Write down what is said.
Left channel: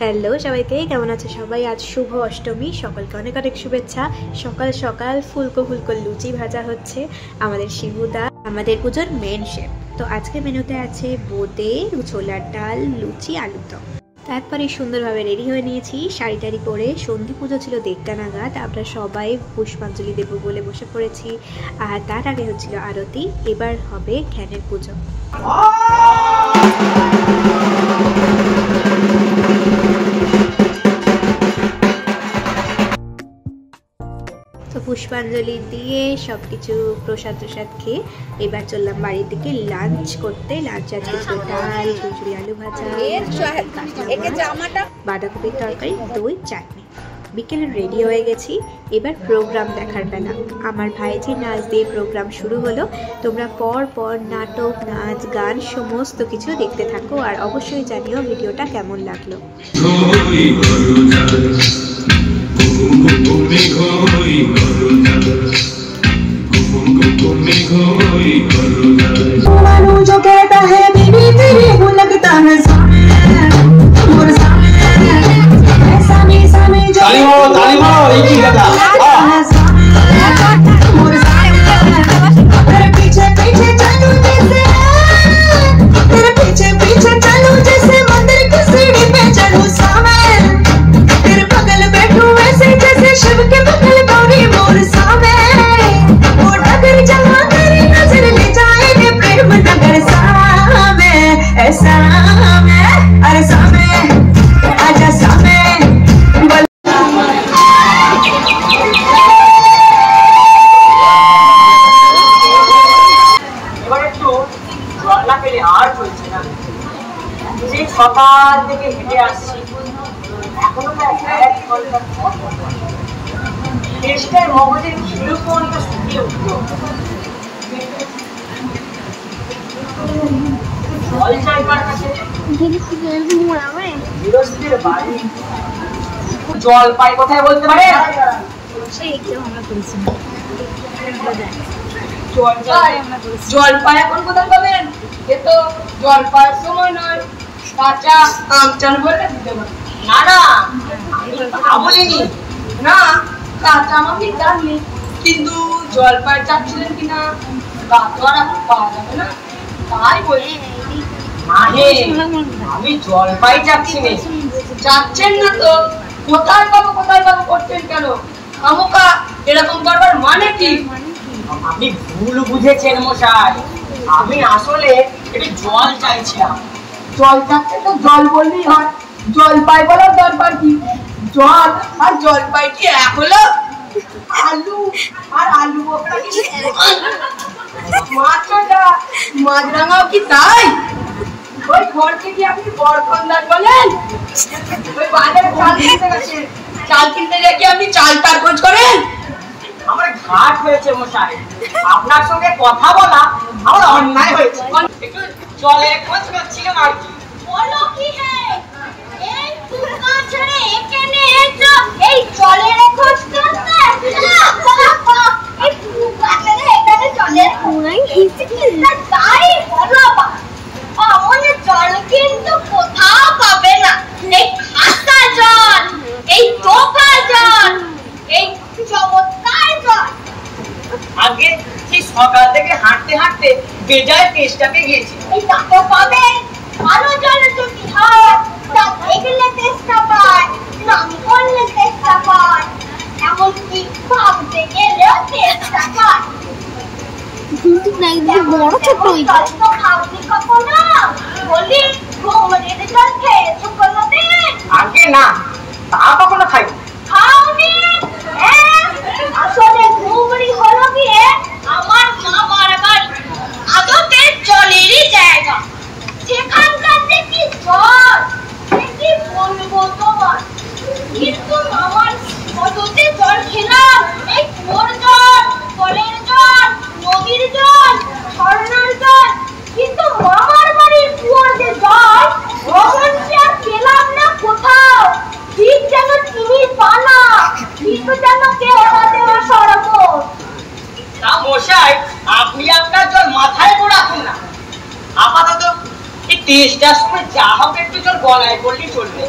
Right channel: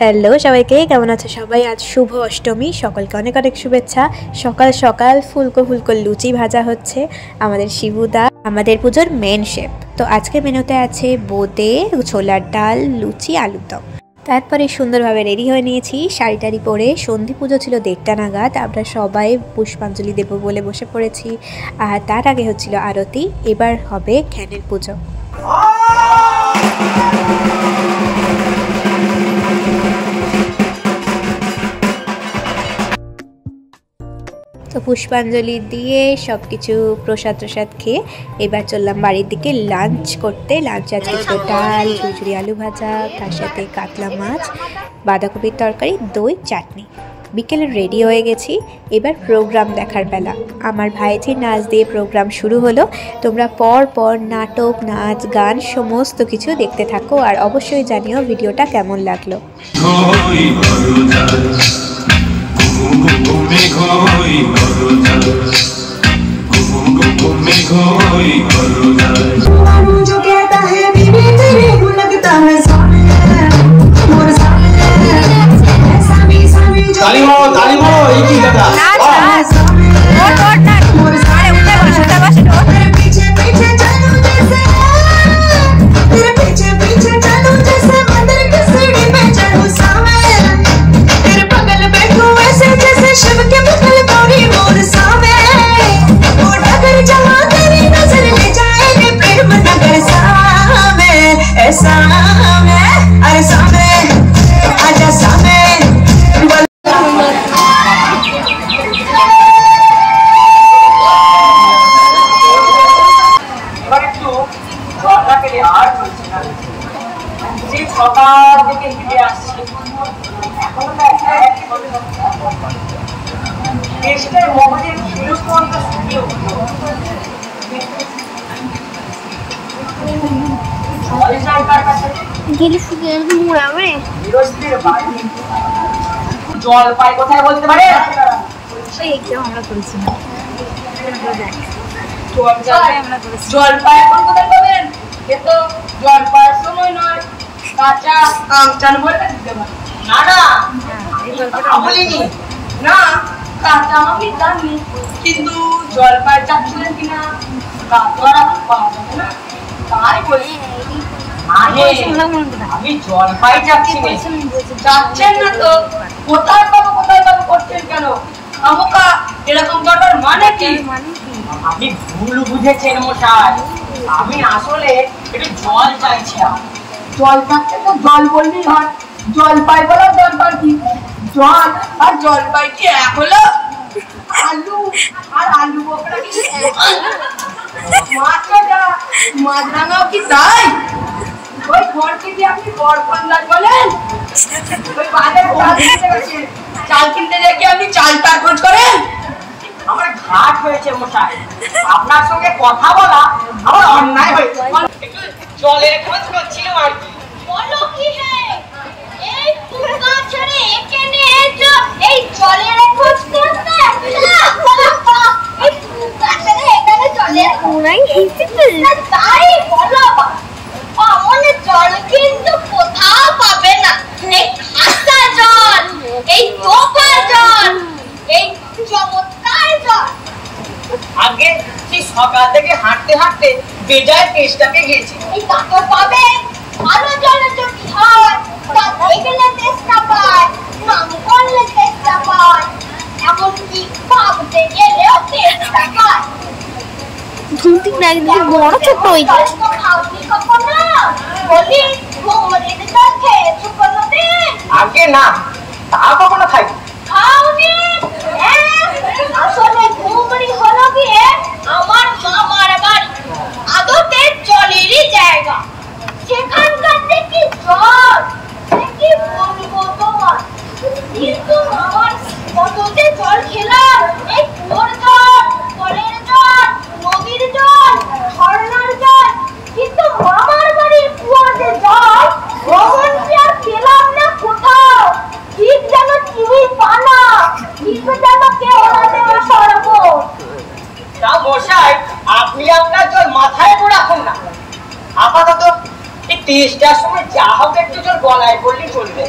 Hello সবাইকে, কেমন আছে সবাই? আজ শুভ অষ্টমী, সকলকে অনেক অনেক শুভেচ্ছা। সকাল সকাল ফুলকো ফুলকো লুচি ভাজা হচ্ছে আমাদের শিবুদা, আমাদের পুজোর মেন শেফ। তো আজকে মেনুতে আছে বোঁদে, ছোলার ডাল, লুচি, আলুর দম। তারপরে সুন্দরভাবে রেডি হয়ে নিয়েছি, শাড়ি টাড়ি পরে। সন্ধি পুজো ছিল 1:30 নাগাদ, আমরা সবাই পুষ্পাঞ্জলি দেব বলে বসে পড়েছি। আর তার আগে হচ্ছিল আরতি, এবার হবে জ্ঞানের পুজো। তো পুষ্পাঞ্জলি দিয়ে সব কিছু প্রসাদ খেয়ে এবার চললাম বাড়ির দিকে লাঞ্চ করতে। লাঞ্চ আজকে ছিল ডাল, ঝুরঝুরি আলু ভাজা, তার সাথে কাতলা মাছ, বাঁধাকপির তরকারি, দই, চাটনি। বিকেলে রেডি হয়ে গেছি, এবার প্রোগ্রাম দেখার বেলা। আমার ভাইঝির নাচ দিয়ে প্রোগ্রাম শুরু হলো। তোমরা পর পর নাটক, নাচ, গান সমস্ত কিছু দেখতে থাকো, আর অবশ্যই জানিও ভিডিওটা কেমন লাগলো। जो कहता है बीबी तेरे को लगता है ताली मारो एक ही लगा पीछे पीछे चलो जैसे तेरे पीछे पीछे चलो जैसे मंदिर की सीढ़ी पे चढ़ूं सामने तेरे बगल बैठूं वैसे जैसे शिव के बगल गौरी मोर सामने वो डगर जहाँ तेरी नजर ले जाएगी प्रेम नगर सामने ऐसा मैं अरे सामने आजा सामने সকাল থেকে হেঁটে আসছি, এখনো তো দেশটার মগজের শিরুপন তো শুকিয়ে উঠল। জল চাই কার কাছে? গৃহস্থির বাড়ি জল পাই কোথায় বলতে পারে? জল পাই এখন কোথায় পাবেন? এ তো জল পাওয়ার সময় নয়, কাঁচা আম চান বলে দিতে পারে। না না বলিনি, না কাঁচা আমি জানি, কিন্তু জলপাই চাচ্ছিলেন কিনা তা তো আর পাওয়া যাবে না, তাই বলি। আমি জলপাই চাচ্ছি না। চাচ্ছেন না তো কোথায় পাবো করছেন কেন? আমকা এরকম করবার মানে কি? আপনি ভুল বুঝেছেন মশাই, আমি আসলে একটু জল চাইছিলাম। জল থাকতে তো জল বললেই হয়, জলপাই বলার দরকার কি? জল আর জলপাই কি এক হলো? আলু আর আলু বোকরা কি মাছরাঙাও কি তাই? ওই ঘরকে কি আপনি বরকন্দার বলেন? ওই বাজারে চাল কিনতে গিয়ে কি আপনি চাল তার খোঁজ করেন? আমার ঘাট হয়েছে মশাই, আপনার সঙ্গে কথা বলা আমার অন্যায় হয়েছে। জলের খোঁজ করছিলাম আর কি। বলো কি হে, এই পুরকা ছেড়ে এখানে এসো এই জলের খোঁজ করতে? এই পুরকা ছেড়ে এখানে জলের পুরাই এসেছে তাই বলো। আমনে জল কিন্তু কোথাও পাবে না, এই খাসা জল, এই তোফা জল, এই চমৎকার জল। আগে সেই সকাল থেকে হাঁটতে হাঁটতে বেজায় তেষ্টা পেয়ে গেছি। এই টাকা পাবে ভালো জলের যদি হয়, তা দেখলে তেষ্টা পায়, নাম করলে তেষ্টা পায়, এমনকি ভাবতে গেলেও তেষ্টা পায়। ধুতি না একদিকে বড় ছোট হয়ে যায় তো খাওনি কখনো? বলি ঘুমরির জল খেয়েছো কোনোদিন? আগে না, তা কখনো খাই খাওনি। আসলে ঘুমরি হলো গিয়ে আমার মামার বাড়ি, আদতে জলেরই জায়গা। সেখানকার যে কি জল, কি বলবো তোমার। কিন্তু আমার কততে জল খেলাম, এই কুয়োর জল, কলের জল, নদীর জল, ঝর্ণার জল, কিন্তু মামার বাড়ির কুয়োর যে জল, ওখান কি আর পেলাম না কোথাও। ঠিক যেন তুমি পানা, ঠিক যেন কেউ আমাদের সরবত। তা মশাই, আপনি আপনার জল মাথায় তো রাখুন না, আপাতত এই টেস্টার সময় যা হোক একটু জল গলায় পড়লেই চলবে।